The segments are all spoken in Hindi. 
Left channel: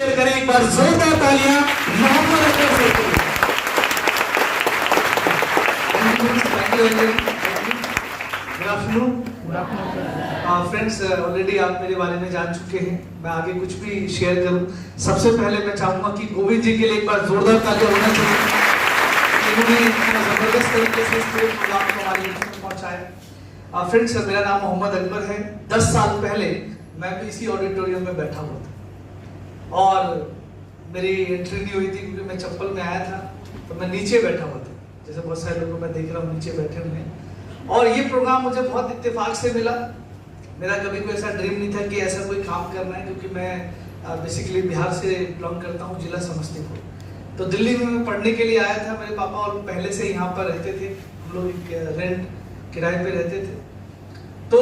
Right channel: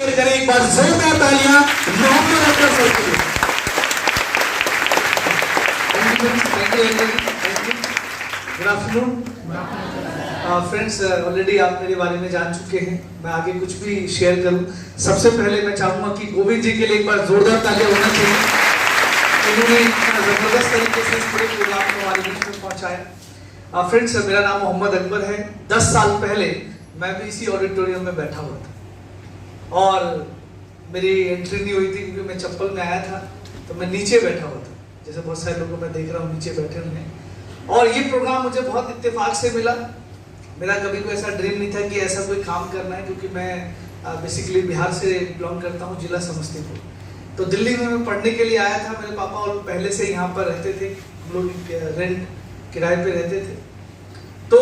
करें एक बार जोरदार तालियां मोहम्मद अकबर सर के लिए। गुड आफ्टरनून फ्रेंड्स, ऑलरेडी आप मेरे बारे में जान चुके हैं। मैं आगे कुछ भी शेयर करूं, सबसे पहले मैं चाहूंगा कि गोविंद जी के लिए एक बार जोरदार तालियां होना चाहिए। इन्होंने इतना जबरदस्त तरीके से इस पूरे प्रोग्राम को हमारे बीच में पहुंचाया। फ्रेंड्स, मेरा नाम मोहम्मद अकबर है। 10 साल पहले मैं भी इसी ऑडिटोरियम में बैठा हुआ था और मेरी एंट्री नहीं हुई थी क्योंकि मैं चप्पल में आया था, तो मैं नीचे बैठा हुआ था। जैसे बहुत सारे लोगों को मैं देख रहा हूँ नीचे बैठे हुए हैं। और ये प्रोग्राम मुझे बहुत इत्तेफाक से मिला। मेरा कभी कोई ऐसा ड्रीम नहीं था कि ऐसा कोई काम करना है, क्योंकि मैं बेसिकली बिहार से बिलोंग करता हूँ, जिला समस्तीपुर। तो दिल्ली में मैं पढ़ने के लिए आया था। मेरे पापा और पहले से यहाँ पर रहते थे, हम लोग रेंट किराए पे रहते थे। तो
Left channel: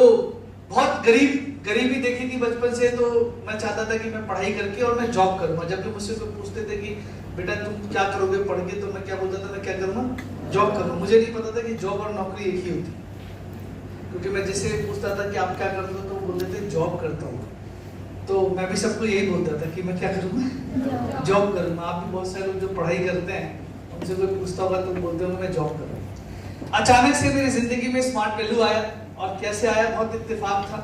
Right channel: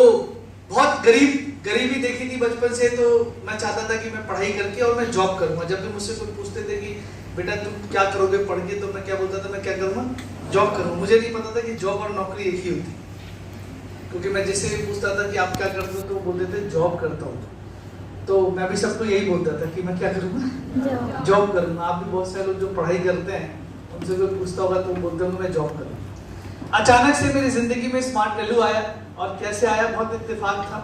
बहुत गरीबी देखी थी बचपन से, तो मैं चाहता था कि मैं पढ़ाई करके और मैं जॉब करूंगा। जब भी मुझसे कोई पूछते थे कि बेटा तुम क्या करोगे पढ़ के, तो मैं क्या बोलता था, मैं क्या करूंगा, जॉब करूंगा। मुझे नहीं पता था कि जॉब और नौकरी एक ही होती, क्योंकि मैं जिससे पूछता था कि आप क्या करते हो, तो बोलते थे जॉब करता हूँ। तो मैं भी सबको यही बोलता था कि मैं क्या करूँगा, जॉब करूँगा। आप भी बहुत सारे लोग जो पढ़ाई करते हैं, उनसे कोई पूछता होगा तो बोलते होंगे मैं जॉब करूँगा। अचानक से मेरी जिंदगी में स्मार्ट वैल्यू आया, और कैसे आया, बहुत इत्तेफाक था।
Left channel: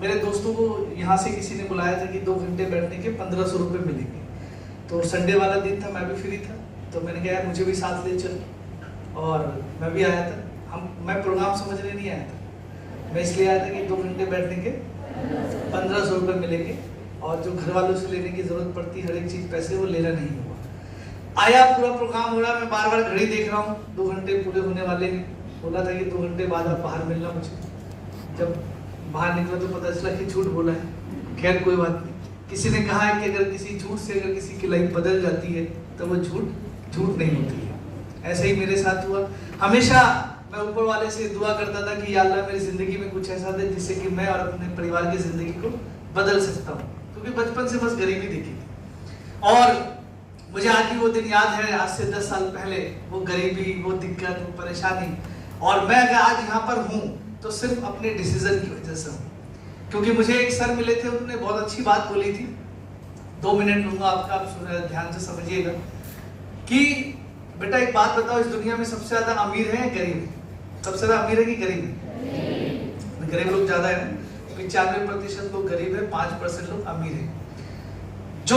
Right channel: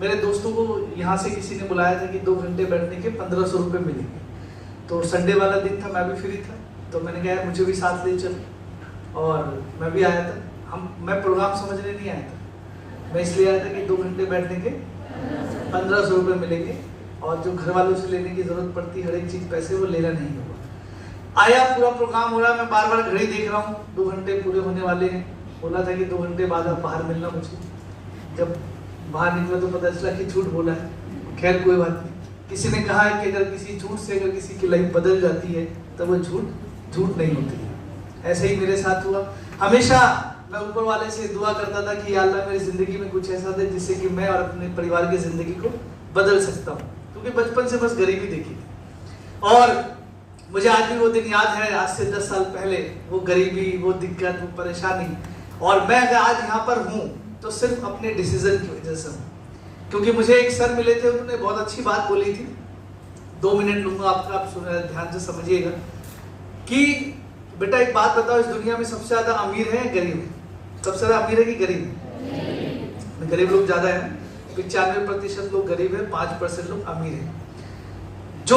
मेरे दोस्तों को यहाँ से किसी ने बुलाया था कि 2 घंटे बैठने के 1500 रुपये मिलेंगे। तो संडे वाला दिन था, मैं भी फ्री था, तो मैंने कहा यार मुझे भी साथ ले चलो, और मैं भी आया था। मैं प्रोग्राम समझने नहीं आया था, मैं इसलिए आया था कि 2 घंटे बैठने के 1500 रुपये मिलेंगे, और जो घर वालों से लेने की जरूरत पड़ती हर एक चीज पैसे, वो लेना नहीं होगा। आया, पूरा प्रोग्राम हो रहा है, मैं बार बार घड़ी देख रहा हूँ, 2 घंटे पूरे होने वाले हैं। बोला था कि 2 घंटे बाद आप बाहर मिलना मुझे। जब बाहर निकला तो पता चला कि झूठ बोला है। खैर कोई बात नहीं। किसी ने कहा है कि अगर किसी झूठ से अगर किसी की लाइफ बदल जाती है तो वो झूठ नहीं होती है। ऐसे ही मेरे साथ हुआ। हमेशा मैं ऊपर वाले से दुआ करता था कि या अल्लाह मेरी जिंदगी में कुछ ऐसा दे जिससे कि मैं और अपने परिवार की जिंदगी को बदल सकता हूँ, क्योंकि बचपन से बस गरीबी देखी थी। और मुझे आज भी वो दिन याद है, आज से 10 साल पहले, वो गरीबी, वो दिक्कत, वो परेशानी। और मैं अगर आज यहाँ पर हूँ तो सिर्फ अपने डिसीजन की वजह से हूँ। क्योंकि मुझे एक सर मिले थे, उन्होंने बहुत अच्छी बात बोली थी। 2 मिनट लूंगा आपका, आप सुन ध्यान से समझिएगा कि बेटा एक बात बताओ, इस दुनिया में सबसे ज्यादा अमीर है गरीब है? सबसे ज्यादा अमीर है कि गरीब है? गरीब लोग ज्यादा है। 95% लोग गरीब है, 5% लोग अमीर है। जो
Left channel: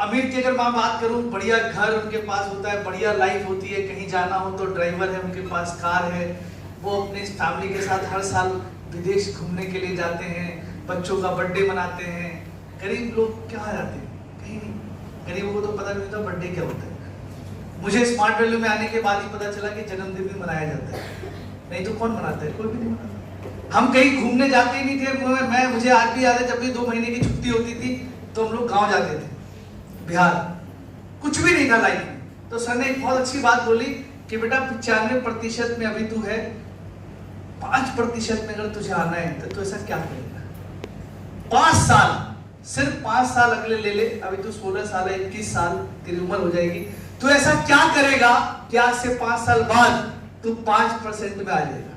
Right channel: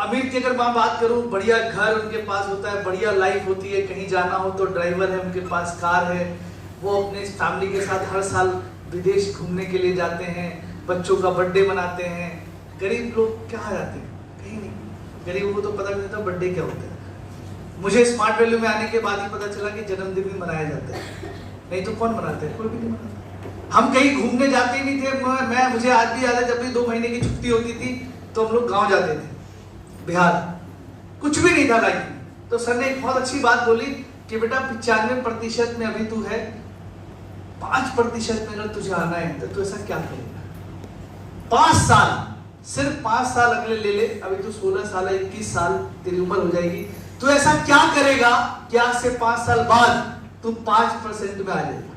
अमीर की अगर मैं बात करूं, बढ़िया घर उनके पास होता है, बढ़िया लाइफ होती है, कहीं जाना हो तो ड्राइवर है उनके पास, कार है, वो अपने फैमिली के साथ हर साल विदेश घूमने के लिए जाते हैं, बच्चों का बर्थडे मनाते हैं। गरीब लोग क्या जाते हैं? कहीं नहीं। गरीबों को तो पता नहीं होता बर्थडे क्या होता है। मुझे स्मार्ट वैल्यू में आने के बाद ही पता चला कि जन्मदिन भी मनाया जाता है, नहीं तो कौन मनाता है? कोई भी नहीं मनाता। हम कहीं घूमने जाते ही नहीं थे। मुझे आज भी याद है, जब भी 2 महीने की छुट्टी होती थी तो हम लोग गाँव जाते थे, बिहार। कुछ भी नहीं था लाइफ में। तो सर ने एक बहुत अच्छी बात बोली कि बेटा 95% में अभी तू है, 5% में अगर तुझे आना है तो तू ऐसा क्या करेगा? 5 साल, सिर्फ 5 साल अगले ले ले। अभी तू 16 साल है, 21 साल तेरी उम्र हो जाएगी। तू ऐसा क्या करेगा कि आज से 5 साल बाद तू 5% में आ जाएगा?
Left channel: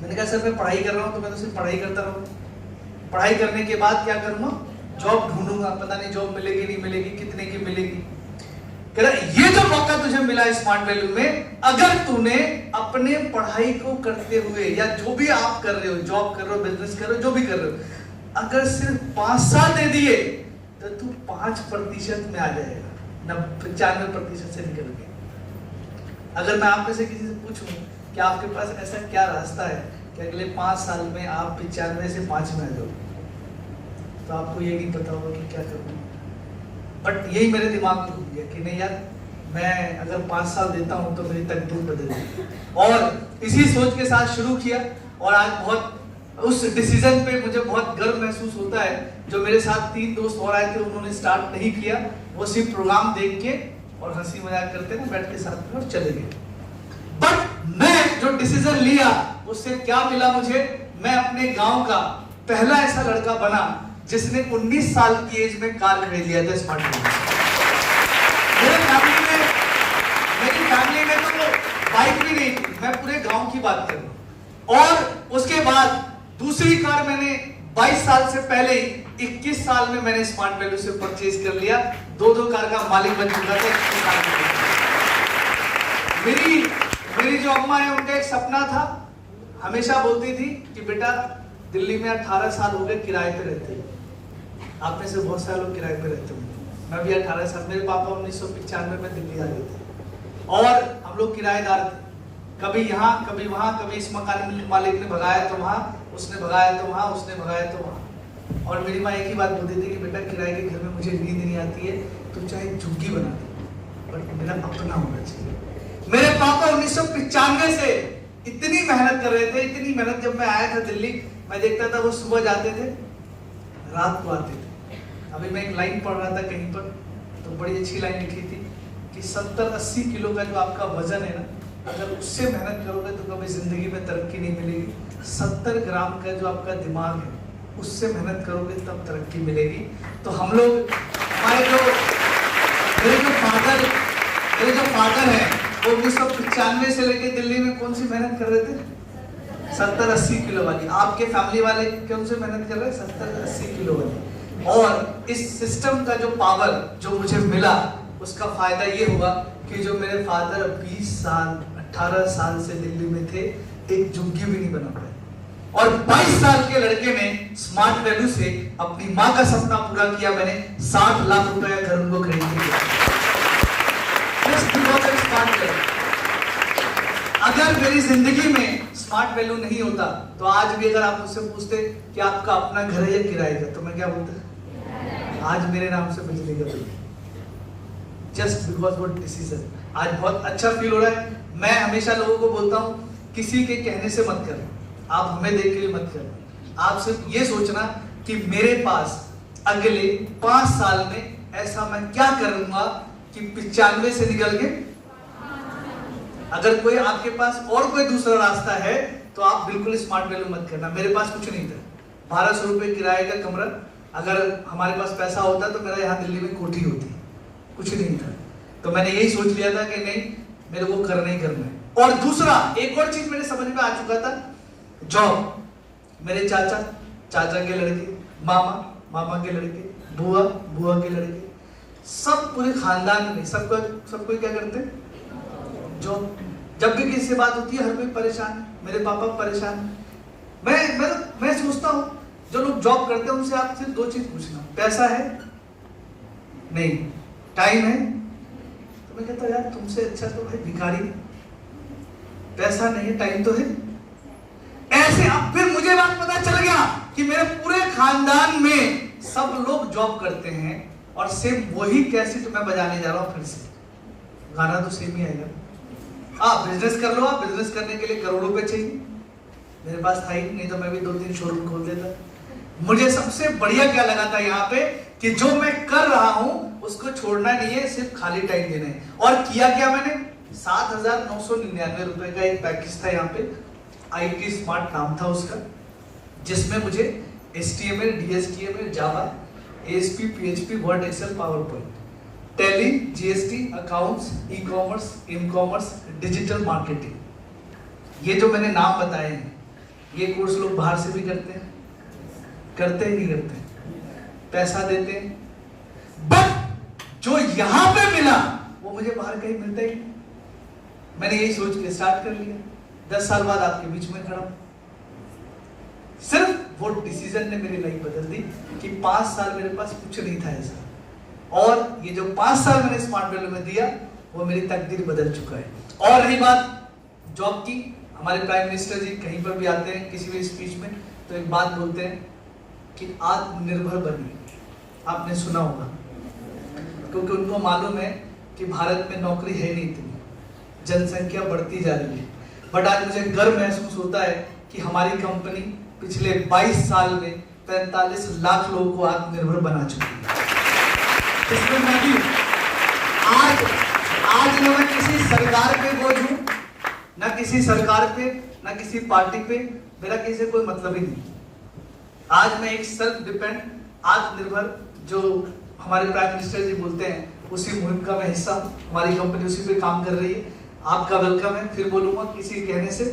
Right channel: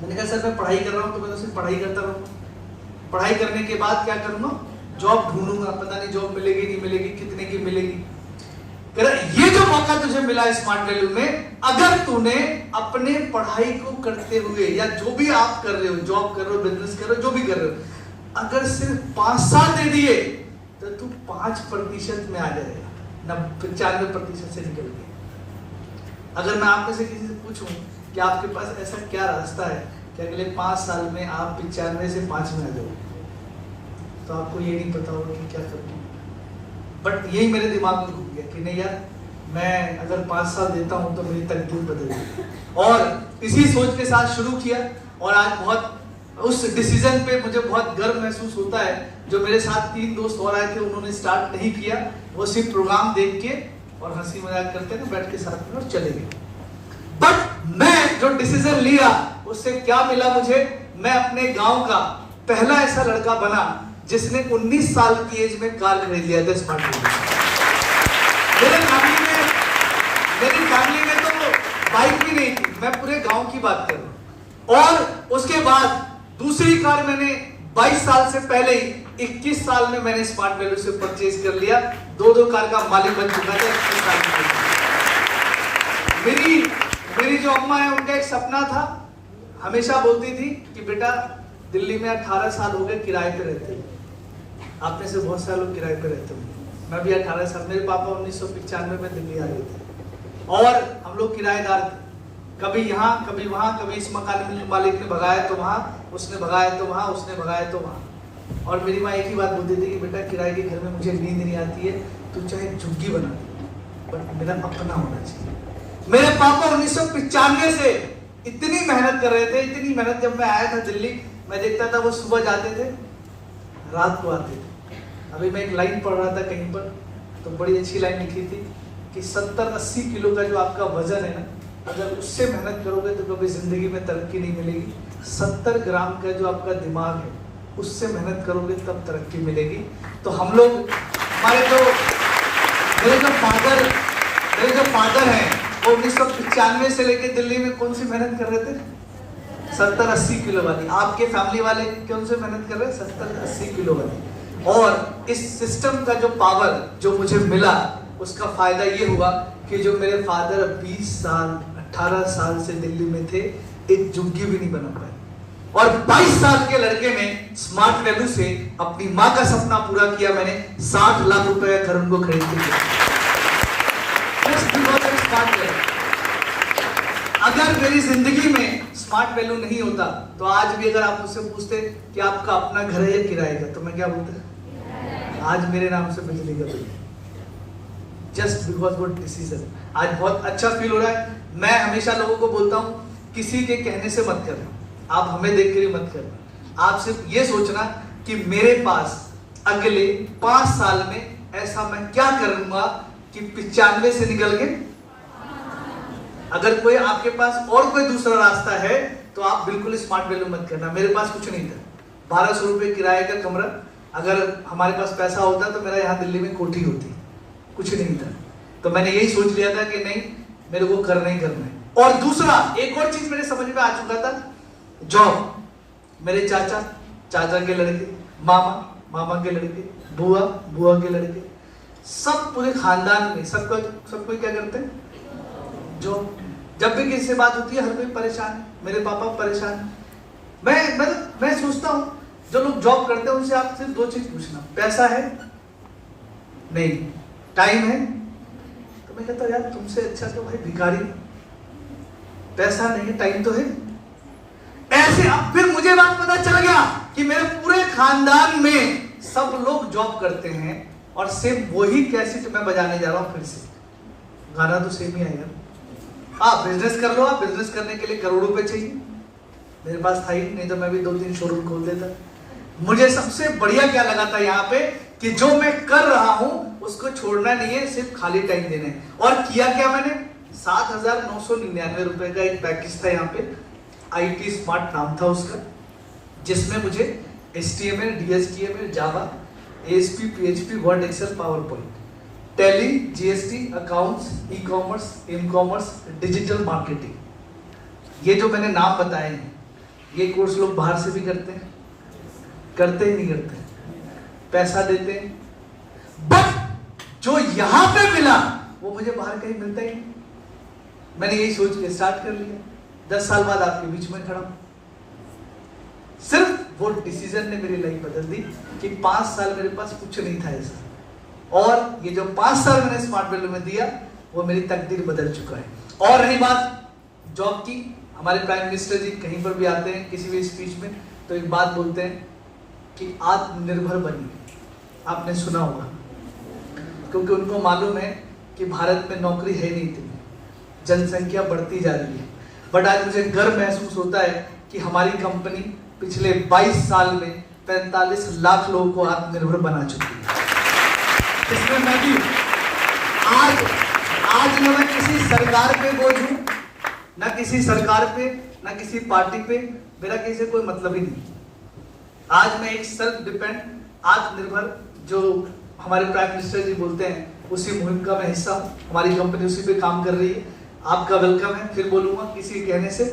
मैंने कहा सर मैं पढ़ाई कर रहा हूं, तो मैं तो सिर्फ पढ़ाई करता रहूंगा। पढ़ाई करने के बाद क्या करूंगा? जॉब ढूंढूंगा। पता नहीं जॉब मिलेगी नहीं मिलेगी, कितने की मिलेगी। ये जो मौका तुझे मिला स्मार्ट वैल्यू में, अगर तूने अपने पढ़ाई को करते हुए, या जो भी आप कर रहे हो, जॉब कर रहे हो, बिजनेस कर रहे हो, जो भी कर रहे हो, अगर सिर्फ 5 साल दे दिए तो तू 5% में आ जाएगा, 95% से निकल के। अगर मैं आप में से किसी से पूछूं कि आपके पास ऐसा क्या रास्ता है कि अगले 5 साल में आप 95 से 5 में आ जाओ, तो आपको ये नहीं पता होगा कि क्या करूँ। बट यही मेरे दिमाग में घूम गया कि नहीं यार, मैं अगर 5 साल देता हूं तो मेरी तकदीर बदल जाएगी। और इसी सोच के साथ शुरू किया, और आज बहुत उस डिसीजन पे मुझे बहुत गर्व महसूस होता है। जो मेरे साथ 3 दोस्त और आए थे, उन्होंने स्टार्ट नहीं किया, वो सिर्फ प्रोग्राम देख के और हंसी मजाक करते ना बैठ के साथ में और चले गए। बट मैं जो डिसीजन लिया, उससे क्या मिला मुझे? मैं अपने गांव का पहला ऐसा लड़का बना जिसने 19 साल की एज में कार खरीद लिया था स्मार्ट वैल्यू। मेरी फैमिली में तो बाइक भी नहीं थी, मैं पूरे गांव की बात करूं। और उसके बाद दूसरी कार मैंने 22 साल से पहले ही 21 साल में मैंने स्मार्ट वैल्यू से परचेज कर लिया, 2 कार का मालिक बन चुका था 21 साल में। मेरी जो अम्मा है उनका एक सपना था, हमेशा बोलती थी कि बेटा दिल्ली में 18 साल हो गए किराए पे रहते हैं, आप में से बहुत सारे लोग किराए पे रहते हैं, मैं भी 18 साल, मेरे पापा 1995 में दिल्ली आ गए थे और हम लोग किराएदार थे, कभी यहाँ कभी वहां, कभी इस मकान मालिक ने भगाया तो वहां, उसने भगाया तो वहां, उसने भगाया तो वहां। और मेरी माँ एक ही बात बोलती थी कि बेटा किराए के घर में मुझे नींद नहीं आती है, तू चाहे झुग्गी बना दे बट मेरा अपना होना चाहिए। मेरे पापा 1995 से इतनी मेहनत कर रहे थे, इतनी मेहनत। जब मैं आया था दिल्ली, मैं देखता था वो सुबह जाते थे, रात को आते थे। अभी मैं एक लाइन पढ़ रहा था कहीं पर, तो बड़ी अच्छी लाइन लिखी थी कि 70-80 किलो का जो आपका वजन है ना, अगर उससे मेहनत करोगे तो कभी जिंदगी में तरक्की नहीं मिलेगी। 70 ग्राम का जो आपका दिमाग है, उससे मेहनत करोगे तब तरक्की मिलेगी। तो हम लोग, मेरे जो फादर हैं वो 1995 से लेकर दिल्ली में कौन सी मेहनत कर रहे थे? 70-80 किलो वाली। आपके फैमिली वाले कौन से मेहनत कर रहे हैं? 70-80 किलो वाली। और इस सिस्टम का जो पावर जो मुझे मिला, उसका फायदा ये हुआ कि जो मेरे फादर 20 साल 18 साल से दिल्ली में थे, एक झुग्गी भी नहीं बना पाए, और 22 साल के लड़के ने स्मार्ट वैल्यू से अपनी माँ का सपना पूरा किया। मैंने 60 लाख रुपए का घर उनको खरीद दिया। स्मार्ट वैल्यू, अगर मेरी जिंदगी में स्मार्ट वैल्यू नहीं होता तो आज भी अगर आप मुझसे पूछते कि आपका अपना घर है या किराए का, तो मैं क्या बोलता? आज मेरे नाम से बिजली का बिल, जस्ट बिकॉज वो डिसीजन। आज बहुत अच्छा फील हो रहा है। मैं हमेशा लोगों को बोलता हूं, किसी के कहने से मत करें, आप हमें देख के मत करें। आप सिर्फ ये सोचना कि मेरे पास अगले 5 साल में ऐसा मैं क्या करूंगा कि 95 से निकल के, अगर कोई आपके पास और कोई दूसरा रास्ता है तो आप बिल्कुल स्मार्ट वैल्यू मत करना। मेरे पास कुछ नहीं था, 1200 रुपए किराए का कमरा। अगर हमारे पास पैसा होता तो मेरा यहाँ दिल्ली में कोठी होती, कुछ नहीं था। तो मैंने यही सोच लिया था कि नहीं, मेरे को करना ही करना है। और दूसरा एक और चीज मेरे समझ में आ चुका था, जॉब। मेरे चाचा के लड़के, मामा के लड़के, बुआ के लड़के, सब पूरे खानदान में सब कोई क्या करते हैं? जॉब। जब भी किसी से बात होती है हर कोई परेशान, मेरे पापा परेशान। मैं सोचता हूं जो लोग जॉब करते हैं उनसे आप सिर्फ 2 चीज पूछना, पैसा है? नहीं। टाइम है? तो मैं कहता हूं यार तुमसे अच्छा तो भाई भिखारी। पैसा नहीं, टाइम तो है। ऐसे अब फिर मुझे बात पता चल गया कि मेरे पूरे खानदान में सब लोग जॉब करते हैं और सिर्फ वही कैसेट मैं बजाने जा रहा हूं। फिर से गाना तो सेम ही आएगा। आप बिजनेस कर लो, आप बिजनेस करने के लिए करोड़ों रुपए चाहिए, मेरे पास था ही नहीं तो मैं भी 2-3 शोरूम खोल देता। मुझे सबसे बढ़िया क्या लगा था यहाँ पे कि जो मैं कर रहा हूं उसको छोड़ना नहीं है, सिर्फ खाली टाइम देना है। और किया क्या मैंने? 7,999 रुपए का एक पैकेज था यहाँ पे, IT स्मार्ट नाम था उसका, जिसमें मुझे HTML, DHTML, Java, ASP, PHP, Word, Excel, PowerPoint, Tally, GST, accounts, e-commerce, in-commerce, digital marketing, ये जो मैंने नाम बताए हैं, ये कोर्स लोग बाहर से भी करते हैं, करते ही नहीं करते, पैसा देते हैं, बट जो यहां पे मिला वो मुझे बाहर कहीं मिलता ही नहीं। मैंने यही सोच के स्टार्ट कर लिया। 10 साल बाद आपके बीच में खड़ा, सिर्फ वो डिसीजन ने मेरी लाइफ बदल दी कि 5 साल मेरे पास कुछ नहीं था ऐसा, और ये जो 5 साल मैंने स्मार्ट वैल्यू में दिया वो मेरी तकदीर बदल चुका है। और रही बात जॉब की, हमारे प्राइम मिनिस्टर जी कहीं पर भी आते हैं किसी भी स्पीच में तो एक बात बोलते हैं कि आत्मनिर्भर बनिए। आपने सुना होगा, क्योंकि उनको मालूम है कि भारत में नौकरी है नहीं इतनी, जनसंख्या बढ़ती जा रही है। बट आज मुझे गर्व महसूस होता है कि हमारी कंपनी पिछले 22 साल में 45 लाख लोगों को आत्मनिर्भर बना चुकी है। इसमें मैं भी आज मैं किसी सरकार पे बोझ हूं, ना किसी सरकार पे, ना किसी पार्टी पे, मेरा किसी से कोई मतलब ही नहीं। आज मैं एक सेल्फ डिपेंड, आत्मनिर्भर, जो हमारे प्राइम मिनिस्टर जी बोलते हैं, उसी मुहिम का मैं हिस्सा, हमारी कंपनी उसी पे काम कर रही है। आपका वेलकम है। फिर बोलूंगा किसी के कहने से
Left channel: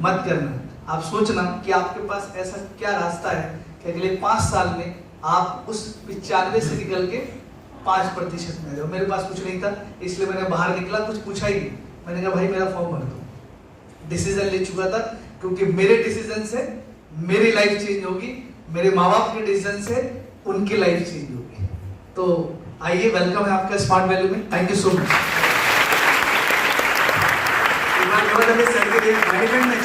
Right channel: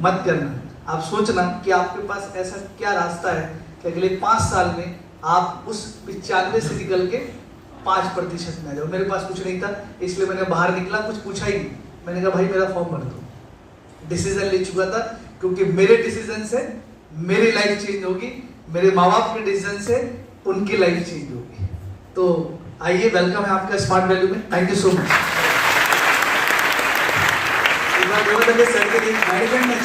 मत करना। आप सोचना कि आपके पास ऐसा क्या रास्ता है कि अगले 5 साल में आप उस 95 से निकल के 5% में आ जाओ। मेरे पास कुछ नहीं था, इसलिए मैंने बाहर निकला, कुछ पूछा ही नहीं। मैंने कहा भाई मेरा फॉर्म भर दो। डिसीजन ले चुका था, क्योंकि मेरे डिसीजन से मेरी लाइफ चेंज होगी, मेरे माँ बाप के डिसीजन से उनकी लाइफ चेंज होगी। तो आइए, वेलकम है आपका स्मार्ट वैल्यू में। Thank you so much. Management में